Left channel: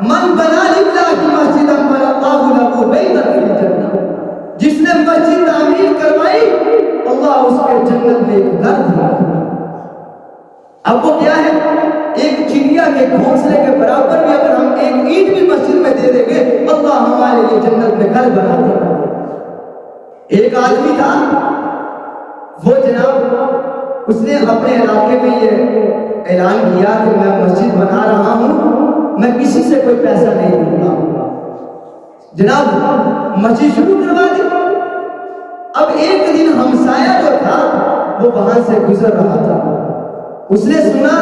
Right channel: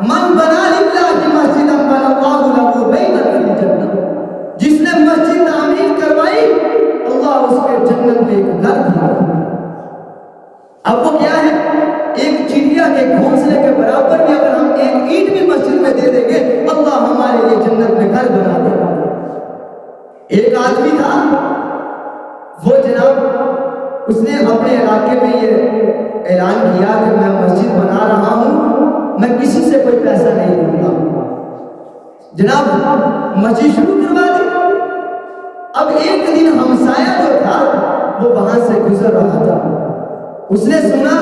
من بنا للہ مسجدا بنى اللہ لہ بیتا فی الجنہ، جس نے مسجد تعمیر کروائی اللہ اس کے جنت میں ایک گھر دیا۔ اب وہ کیا ہے؟ ایک چڑیا کے گھونسلے کے برابر بھی اگر ہم ایک اینٹ بھی مسجد میں دے دیں گے اللہ ہمارے لیے جنت میں گھر بنا دے گا۔ ایک آدمی تھا، وہ جناب اس نے اپنے علاقے میں یہ اعلان کیا کہ میں مسجد بنا رہا ہوں، میں کسی سے کوئی پیسہ نہیں لوں گا۔ جناب مسجد شروع کروا دی۔ اب ایک دن ہمسایہ جو تھا وہ وہاں سے گزر رہا تھا، اس نے سنا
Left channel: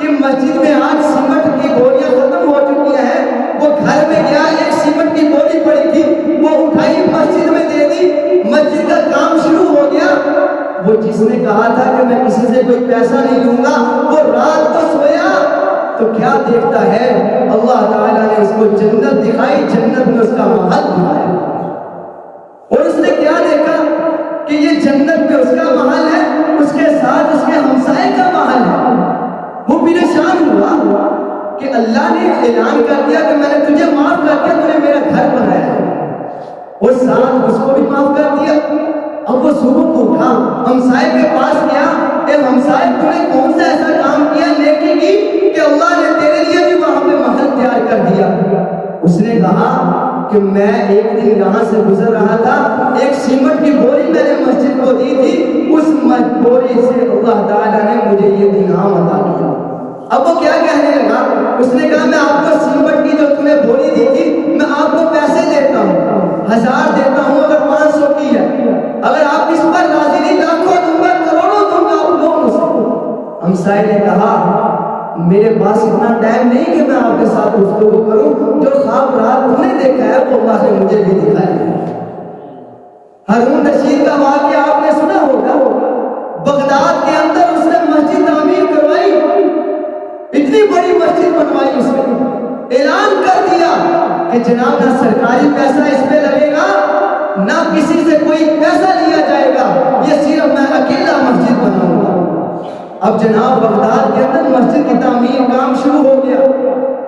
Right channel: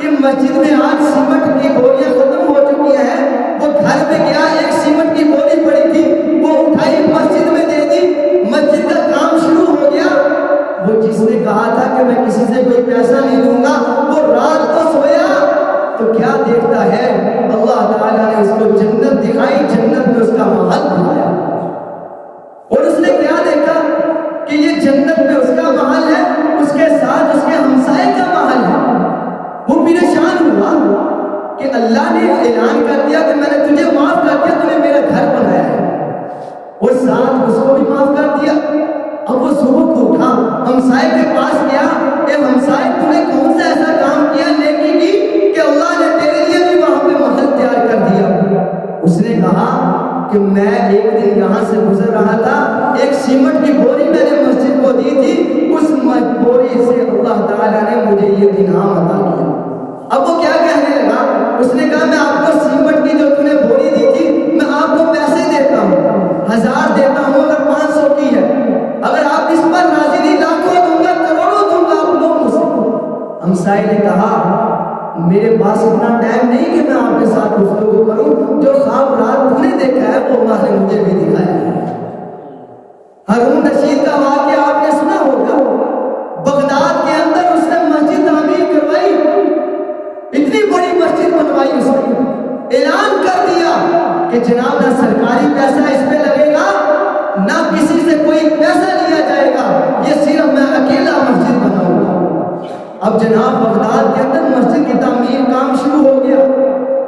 کہ مسجد میں آج سیمنٹ کی بوریاں ختم ہو چکی ہیں۔ وہ گھر میں گیا، ایک سیمنٹ کی بوری پڑی تھی، وہ اٹھائی مسجد میں دے دی، مسجد کا کام شروع ہو گیا۔ وہ جس نے کہا تھا کہ میں کسی سے کوئی پیسہ نہیں لوں گا، وہ رات کو سویا تو کیا دیکھتا ہے؟ اللہ تعالیٰ نے اس کو جنت دکھائی، جنت میں اس کا محل دکھایا، اور اس نے کیا دیکھا کہ یہ جنت میں اس کا محل ہے، اس کے ساتھ اس کے ہمسائے کا محل ہے۔ وہ پریشان ہوا کہ اللہ نے اعلان کر دیا کہ میں نے تجھے معاف کر دیا، تو نے میرا گھر بنایا ہے، اور ساتھ اس کو بھی معاف کر دیا۔ اب وہ صبح کو اٹھا، ہمسائے کے پاس گیا، اے ہمسائے تو نے کون سا ایسا کام کیا نیکی کی کہ اللہ نے تیرے لیے بھی وہاں پہ محل تیار کر دیا؟ اس نے کہا کہ میں ایک دن یہاں سے گزر رہا تھا، ایک سیمنٹ کی بوری میں نے مسجد کو دی تھی، اس بوری سے اللہ تعالیٰ نے مجھے یہ انعام عطا کیا۔ اب وہ کیا کہنے لگا؟ اس نے کہا میں آپ کو سیمنٹ کی جو تم نے بوری دی تھی میں آپ کو پیسے دیتا ہوں، 1000 دیتا ہوں اگر 500 کی ہے، اگر آپ اس پر راضی نہیں لاکھوں دوں گا، کروڑوں دوں گا، آپ لوگ مجھ سے۔ ہمسائے نے کہا میرے پاس اتنا ٹائم نہیں کہ میں آپ کے ساتھ گفتگو کروں، جو خواب رات تم نے دیکھا ہے وہ اللہ نے مجھے بھی دکھایا ہے۔ ہارون رشید کا واقعہ آپ نے سنا ہوگا، بغداد کے اندر اس نے مسجد تعمیر کروائی، اتنی بڑی مسجد بنوائی، اس نے اعلان کر دیا کہ جناب نہ سرکاری پیسہ اس پہ لگے گا، نہ کسی سے کوئی پیسہ لیا جائے گا، یہ صرف میں اکیلا مسجد بناؤں گا۔ اب جناب بغداد کے اندر مسجد کی تعمیر کام شروع ہو گیا۔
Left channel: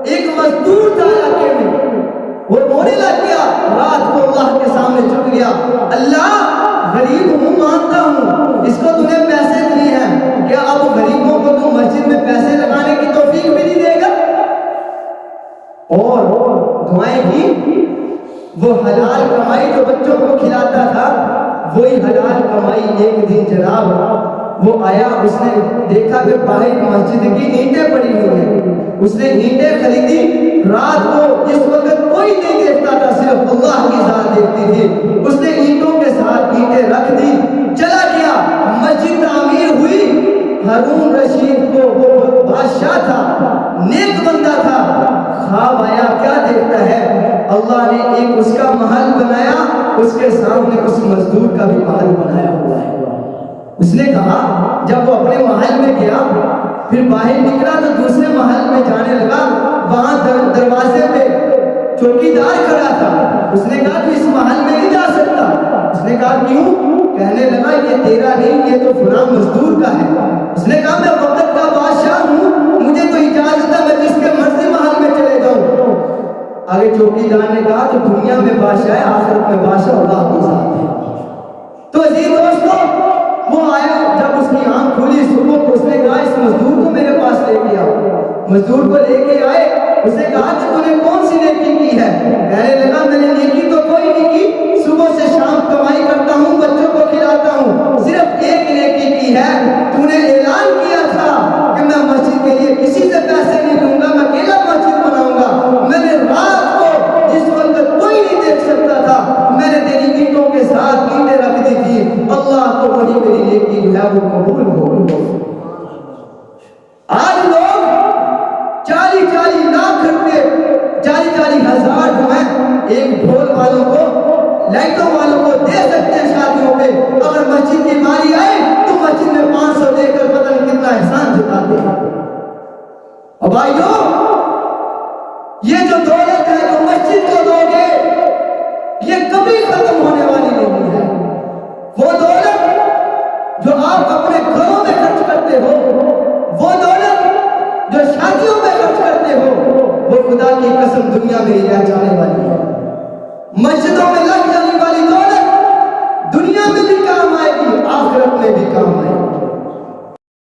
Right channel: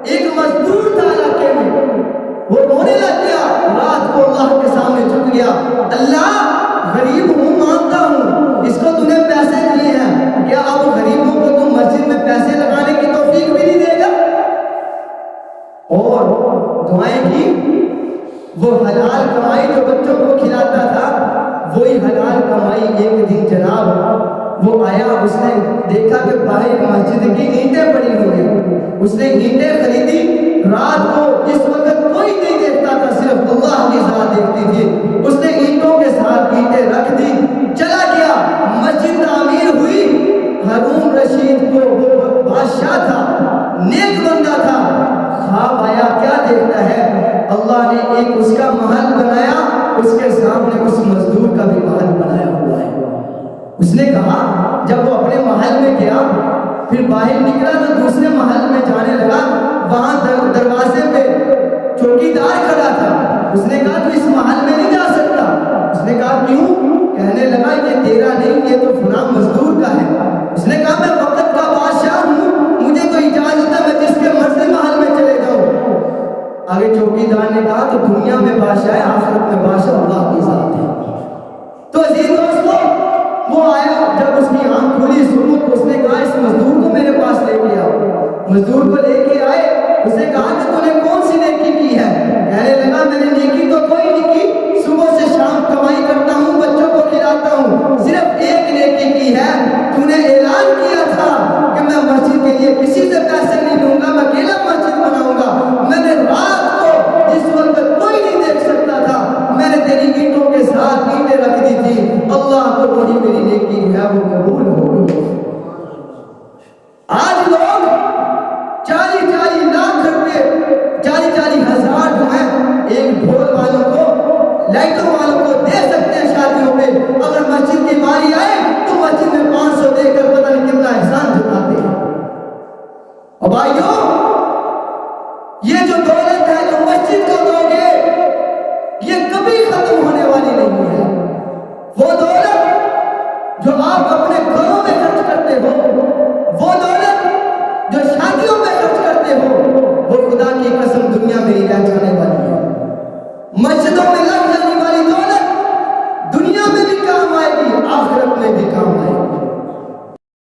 ایک مزدور تھا علاقے میں، وہ رونے لگ گیا، رات کو اللہ کے سامنے جھک گیا، اللہ غریب ہوں مانتا ہوں، اس کو تو نے پیسے دیے ہیں، کیا اب غریبوں کو تو مسجد میں پیسے لگانے کی توفیق بھی نہیں دے گا؟ اور دعائیں کی، وہ حلال کمائی جو بچوں کو کھلاتا تھا وہی حلال کمائی ایک دن جناب وہ آیا، اس نے دیکھا کہ باہر مسجد کی اینٹیں پڑی ہوئی ہیں، اس نے اینٹیں خریدی، رات کو جس وقت کوئی نہیں دیکھتا تھا صرف اللہ کی ذات دیکھتی تھی، اس نے اینٹوں کے ساتھ اینٹیں رکھ دی، چلا گیا، مسجد تعمیر ہوئی۔ ہارون رشید کو وہ بادشاہ تھا، نیک بندہ تھا، خواب آیا، کیا دیکھتا ہے؟ اللہ نے ایک اس کا محل بنایا، اس کے سامنے اس مزدور کا بھی محل بنایا ہوا ہے۔ اس نے کہا جب وہ اپنے محل میں گیا، پھر باہر نکلا تو دوسرے محل میں جانے لگا، وہاں دروازے پہ چوکیدار کھڑا تھا، اس نے کہا تو اس محل میں نہیں جا سکتا۔ اس نے کہا کیوں؟ کہنے لگا یہ تیرا نہیں، یہ تو فلاں مزدور کا ہے۔ اس نے کہا میں وقت کا بادشاہ ہوں، مجھے تو اجازت ہے میں جس کے مرضی محل میں چلے جاؤں۔ آگے چوکیدار نے کہا تو دنیا میں بادشاہ ہے، آخرت میں بادشاہ اللہ کی ذات ہے۔ تو عزیز دوستو وہ آیا، جب اس کی آنکھ کھلی صبح کو، اس نے کہا اس مزدور کو میرے پاس لے کے آؤ۔ مزدور کو لے کے آئے، اس نے کہا کہ تو نے کون سی نیکی کی ہے؟ کہنے لگا میں نے نیکی تو کوئی نہیں کی، صبح سے شام کمائی کرتا ہوں، بچوں کو کھلاتا ہوں، صرف ایک نیکی کی ہے، تو نے اعلان کیا تھا کہ میں مسجد کے لیے کسی سے پیسے نہیں لوں گا، میں اکیلا مسجد بناؤں گا۔ میں نے رات کو جس وقت کوئی نہیں دیکھ سکتا تھا، میں نے تیری اینٹوں کے ساتھ اینٹیں رکھ دی تھی، اللہ کو وہی میری نیکی جو ہے وہ قبول ہو گئی۔ آج لوگ 40-40 لاکھ روپے، 40-40 ہزار جو ہیں ایک ڈھول والوں کو، لائٹوں والوں کو دے سکتے ہیں شادیوں پہ، اگر مسجد کی باری آئے تو مسجد میں 500 دے کر پتہ نہیں کتنا احسان جتاتے ہیں۔ اور بھائیوں یہ جو دولت ہے جو مسجد کو دو گے یہ کبھی ختم ہونے والی نہیں ہے۔ وہ دولت جو آپ اپنے گھروں میں خرچ کرتے ہو، وہ دولت جو شادیوں میں خرچ کرتے ہو، وہ خدا کی قسم دنیا میں رہ جانے والی ہے. مسجدوں میں لگ جائے